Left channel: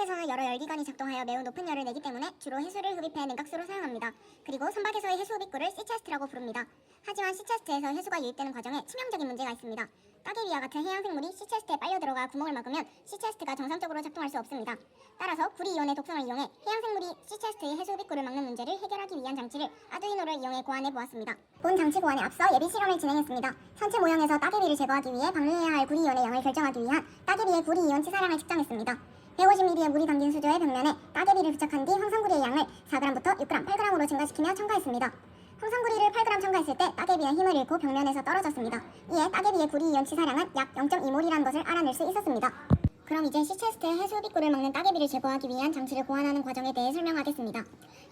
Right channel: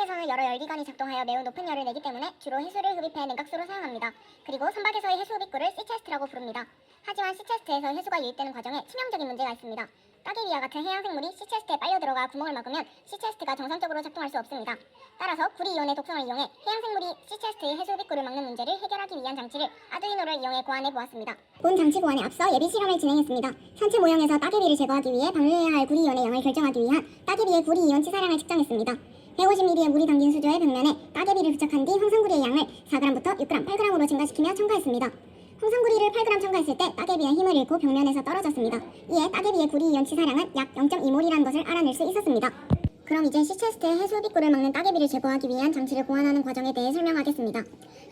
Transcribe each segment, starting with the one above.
선박에서는 여러 열기관이 작동하여 매우 높은 열을 내기 때문에 주로 해수를 흡입해 냉각수로 사용합니다. 그리고 선박에서의 해수 흡입구를 씨체스트라고 부릅니다. 하지만 씨체스트에서 해수가 유입되는 과정에 치명적인 문제가 있습니다. 따개비와 같은 해양 생물이 씨체스트에 빨려 들어가 구멍을 막으면 씨체스트가 정상적으로 작동할 수 없습니다. 따라서 구리이온의 독성을 이용해 해양 생물이 씨체스트의 해수 흡입구를 막는 문제를 해결하기 위한 장치를 아두이노를 이용해 고안해 보았습니다. 본 장치 고안에 앞서 예비 실험을 진행했습니다. 선체 모형에서 따개비를 제거하기 위해 방류해야 할 구리이온의 양을 결정하기 위한 따개비의 구리이온 치사량을 측정했습니다. 150ml의 물이 담긴 수조의 벽면에 따개비를 부착한 뒤 황산구리의 양을 4g부터 6g, 8g으로 증가시키며 첨가했습니다. 황산구리를 8g 첨가했을 때 따개비는 힘을 잃고 벽면에서 떨어졌습니다. 이에 따개비의 구리이온 치사량은 약 0.2몰이라는 것을 알아낼 수 있었습니다. 그럼 이제 씨체스트의 해수 흡입구를 막는 따개비를 제거하기 위한 장치를 고안하는 과정에 대해 설명하겠습니다.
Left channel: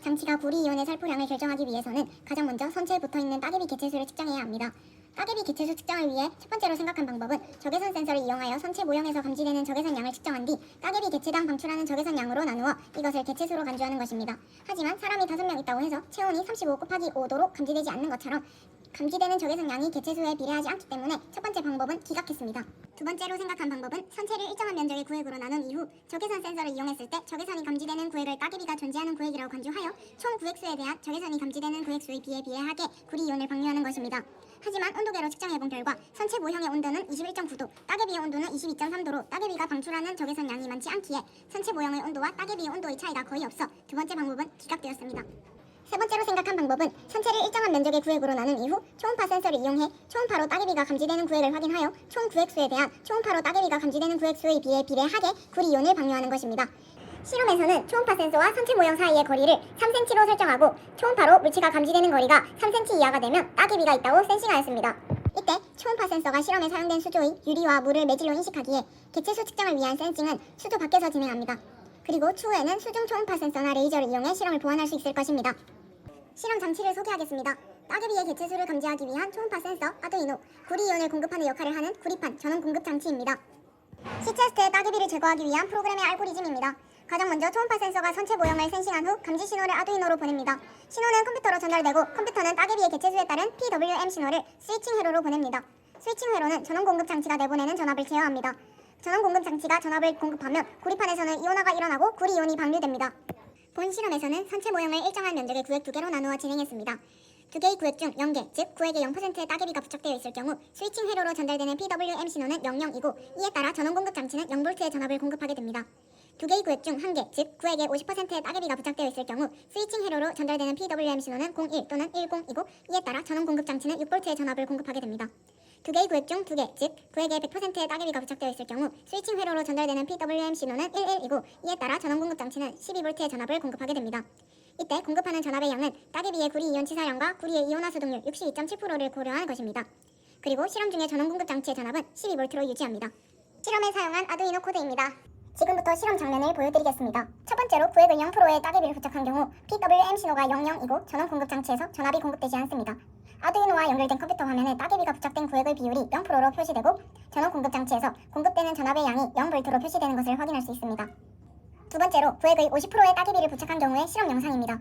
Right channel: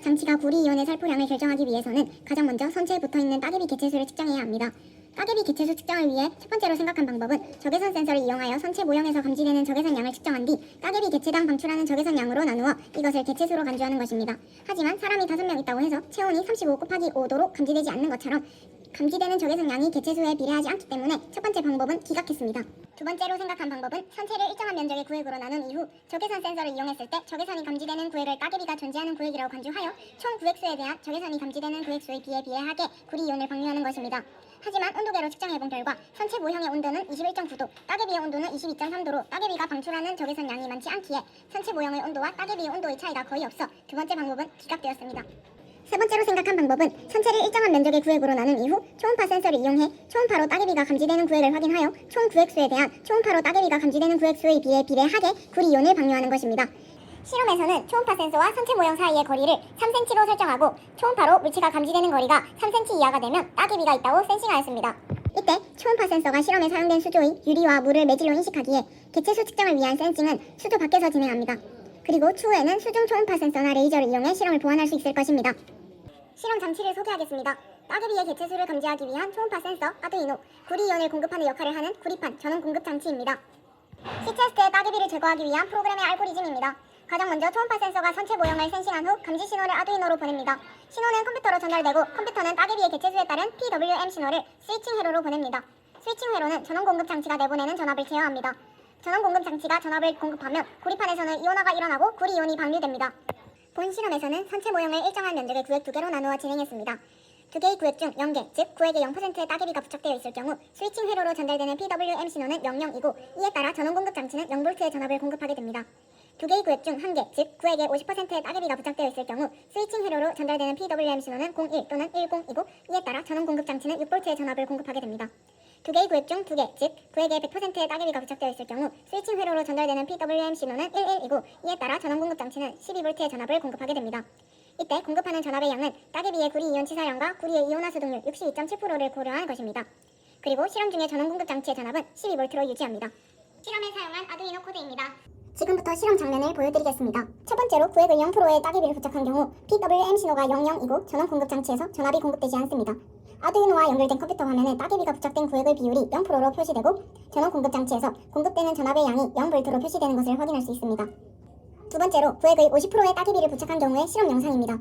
장치가 구리이온의 살포량을 결정하기 위해서는 가장 먼저 선체에 붙어있는 따개비 개체수를 측정해야 합니다. 따개비 개체수 측정을 위해 첫 번째로 생각한 방법은 적외선 센서를 이용하여 선체 모형에서 감지되는 적외선 양을 측정한 뒤 따개비 개체당 방출하는 적외선 양으로 나누어 이것을 개체수로 간주하는 것입니다. 하지만 사람이 5명 있다고 해서 체온이 35 곱하기 5도로 감지되지 않는 것처럼 감지되는 적외선 양이 개체수에 비례하지 않기 때문에 첫 번째 방법은 기각했습니다. 두 번째로 생각한 방법은 선체를 일정한 면적의 구획으로 나눈 이후 적외선 센서를 이용했을 때 적외선이 감지되는 구획을 따개비가 존재하는 구획이라고 간주하여 총 구획수에 대한 적외선이 감지되는 구획수의 비에 비례하게 구리이온을 방류하는 것입니다. 하지만 온도계로 측정해본 결과 선체 모형의 온도는 21.9도, 따개비의 온도는 22.3도로 따개비가 방출하는 적외선 양이 많지 않기에 선체 모형의 온도와 따개비의 온도의 차이가 거의 없어 두 번째 방법은 기각되었습니다. 세 번째로 생각한 방법은 선체를 일정한 면적의 구획으로 나눈 이후 초음파 센서를 이용해 초음파로 따개비가 감지되는 구획을 확인하여 총 구획수에 대한 초음파로 따개비가 감지되는 구획수의 비에 비례하게 구리이온을 방류하는 것입니다. 실험에서는 초음파 센서와 선체 모형 사이의 거리를 3cm로 설정하고 초음파로 물체가 감지되는 거리가 3cm 이하가 되면 따개비가 있다고 센싱하였습니다. 이때 초음파 센서가 실험에 사용된 수조인 유리와 물을 매질로 인식하기에 개체수 측정을 위한 센싱은 수조 밖에서 진행합니다. 그리고 추후에는 수중 초음파 센서나 레이저를 이용해 실험을 보완할 수 있을 것입니다. 실험 장치를 소개하겠습니다. 따개비의 개체수를 감지하기 위한 초음파 센서 아두이노, 구리이온을 공급하는 역할을 하는 구리판 전원 공급 장치입니다. 씨체스트의 따개비를 제거하기 위한 프로그램의 알고리즘입니다. 가장 먼저 초음파 센서가 선체 모형을 센싱한 후 감지 신호를 아두이노로 보냅니다. 신호는 컴퓨터로 전달되고 컴퓨터는 따개비의 개체수에 따른 PWM 신호를 스위칭 회로로 보냅니다. 스위칭 회로는 전원 공급 장치가 내보내는 전압을 제어합니다. 전원 공급 장치가 전압을 공급하면 구리판에서는 이온화가 일어나고 구리이온이 방류됩니다. 본 실험에서는 선체 모형을 일정한 면적의 구획 2개로 나누어 진행했습니다. 두 개의 구획 중 0개, 즉 구획의 0%의 따개비가 부착되어 있을 경우 스위칭 회로로 전달되는 PWM 신호는 00이고 이에 따라 전원 공급 장치는 0V의 전압을 공급하게 됩니다. 두 개의 구획 중 1개, 즉 구획의 50%의 따개비가 부착되어 있을 경우 스위칭 회로로 전달되는 PWM 신호는 01 또는 10이고 이에 따라 전원 공급 장치는 6V의 전압을 공급하게 됩니다. 두 개의 구획 중 2개, 즉 구획의 100%의 따개비가 부착되어 있을 경우 스위칭 회로로 전달되는 PWM 신호는 11이고 이에 따라 전원 공급 장치는 12V의 전압을 공급하게 됩니다. 이때 공급하는 전압의 양은 따개비의 구리이온 치사량과 구리의 이온화 수동률 62.7%를 고려한 것입니다. 그리고 실험 중의 전원 공급 장치의 전압은 12V로 유지합니다. 실험에 사용한 아두이노 코드입니다. 지금부터 실험 장면을 보여드리겠습니다. 첫 번째로 구획을 0%의 따개비를 부착한 경우 PWM 신호가 00이고 전원 공급 장치에서 전압이 공급되지 않습니다. 아두이노와 연결된 컴퓨터 화면에 따개비가 부착된 구획의 비율이 0%로 표시되고 전원 공급 장치에서 공급되는 전압의 양이 0V로 표시되는 것을 확인할 수 있습니다. 두 번째로 구획의 50%의 따개비를 부착한 경우의 실험 영상입니다.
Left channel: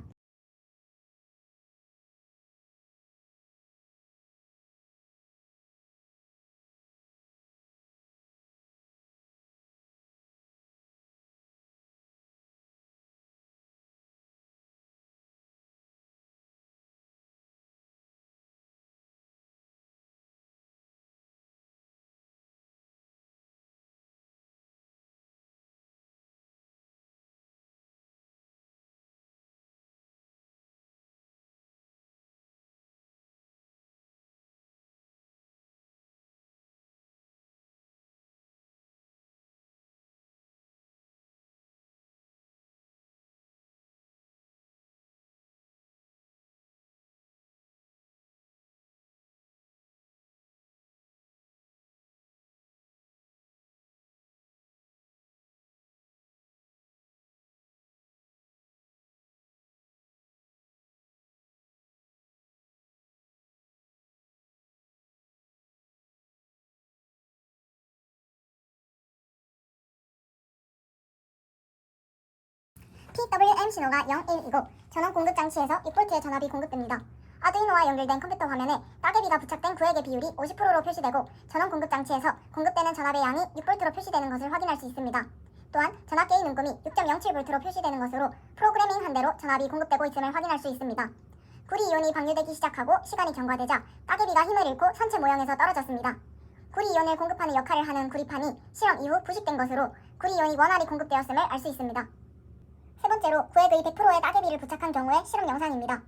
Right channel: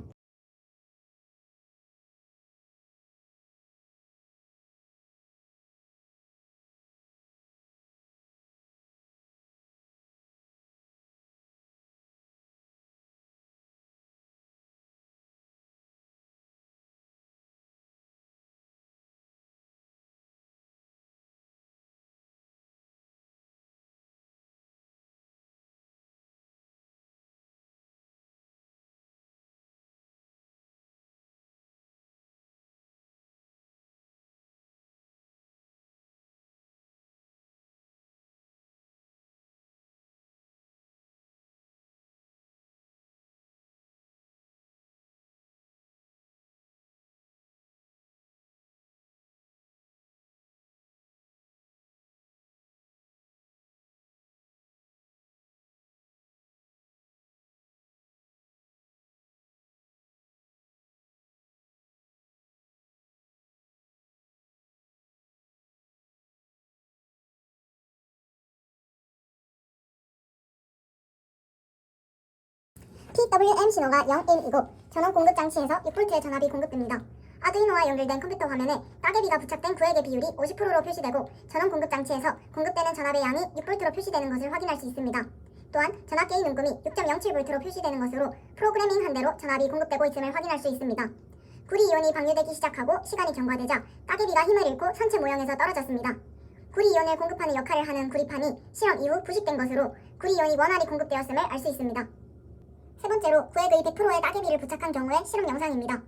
PWM 신호가 01이고 전원 공급 장치에서 6V의 전압이 공급됩니다. 아두이노와 연결된 컴퓨터 화면에 따개비가 부착된 구획의 비율이 50%로 표시되고 전원 공급 장치에서 공급되는 전압의 양이 6V로 표시되는 것을 확인할 수 있습니다. 또한 전압계의 눈금이 6.07V로 표시되는 것으로 프로그래밍 한 대로 전압이 공급되고 있음을 확인할 수 있습니다. 구리이온이 방류되기 시작하고 시간이 경과되자 따개비가 힘을 잃고 선체 모형에서 떨어졌습니다. 구리이온을 공급하는 역할을 하는 구리판이 실험 이후 부식된 것으로 구리이온이 원활히 공급되었음을 알 수 있습니다. 세 번째로 구획의 100%의 따개비를 부착한 경우의 실험 영상입니다.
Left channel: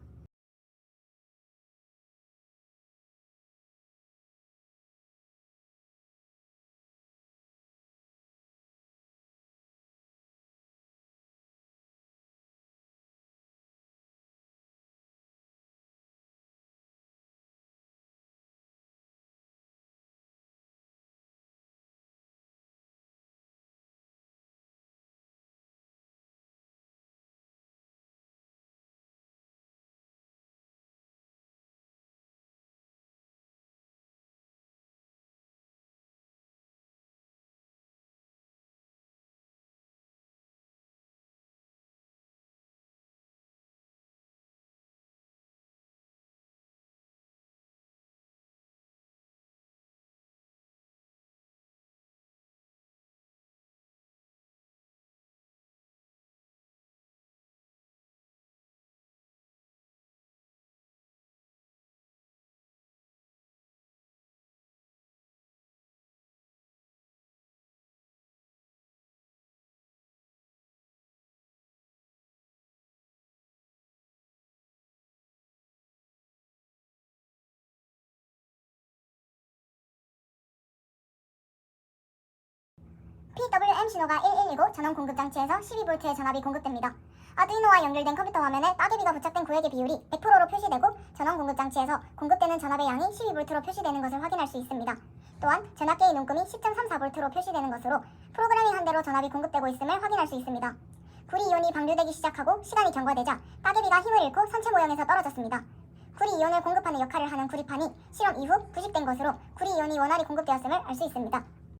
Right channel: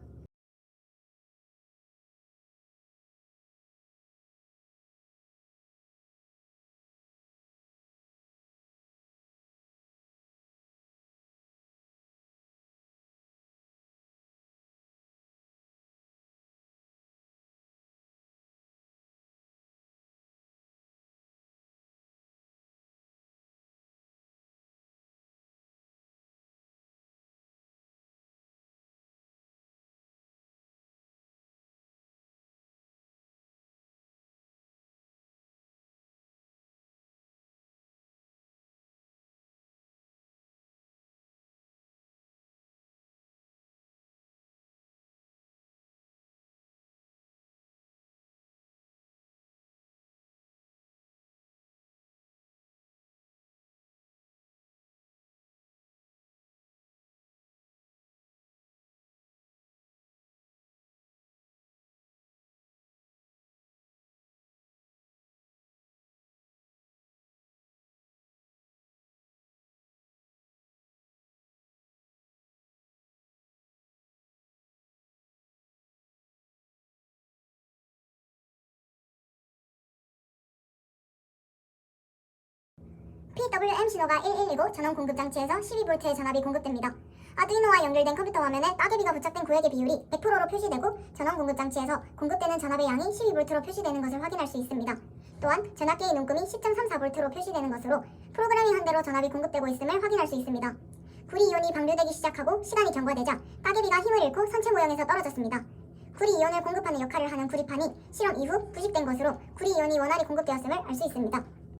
PWM 신호가 1119 전원 공급 장치에서 12V의 전압이 공급됩니다. 아두이노와 연결된 컴퓨터 화면에 따개비가 부착된 구획의 비율이 100%로 표시되고 전원 공급 장치에서 공급되는 전압의 양이 12V로 표시되는 것을 확인할 수 있습니다. 또한 전압계의 눈금이 10.34V로 표시되는 것으로 프로그래밍 한 대로 전압이 공급되고 있음을 확인할 수 있습니다. 구리이온이 방류되기 시작하고 시간이 경과되자 따개비가 힘을 잃고 선체 모형에서 떨어졌습니다. 구리이온을 공급하는 역할을 하는 구리판이 실험 이후 부식된 것으로 구리이온이 원활히 공급되었음을 알 수 있습니다.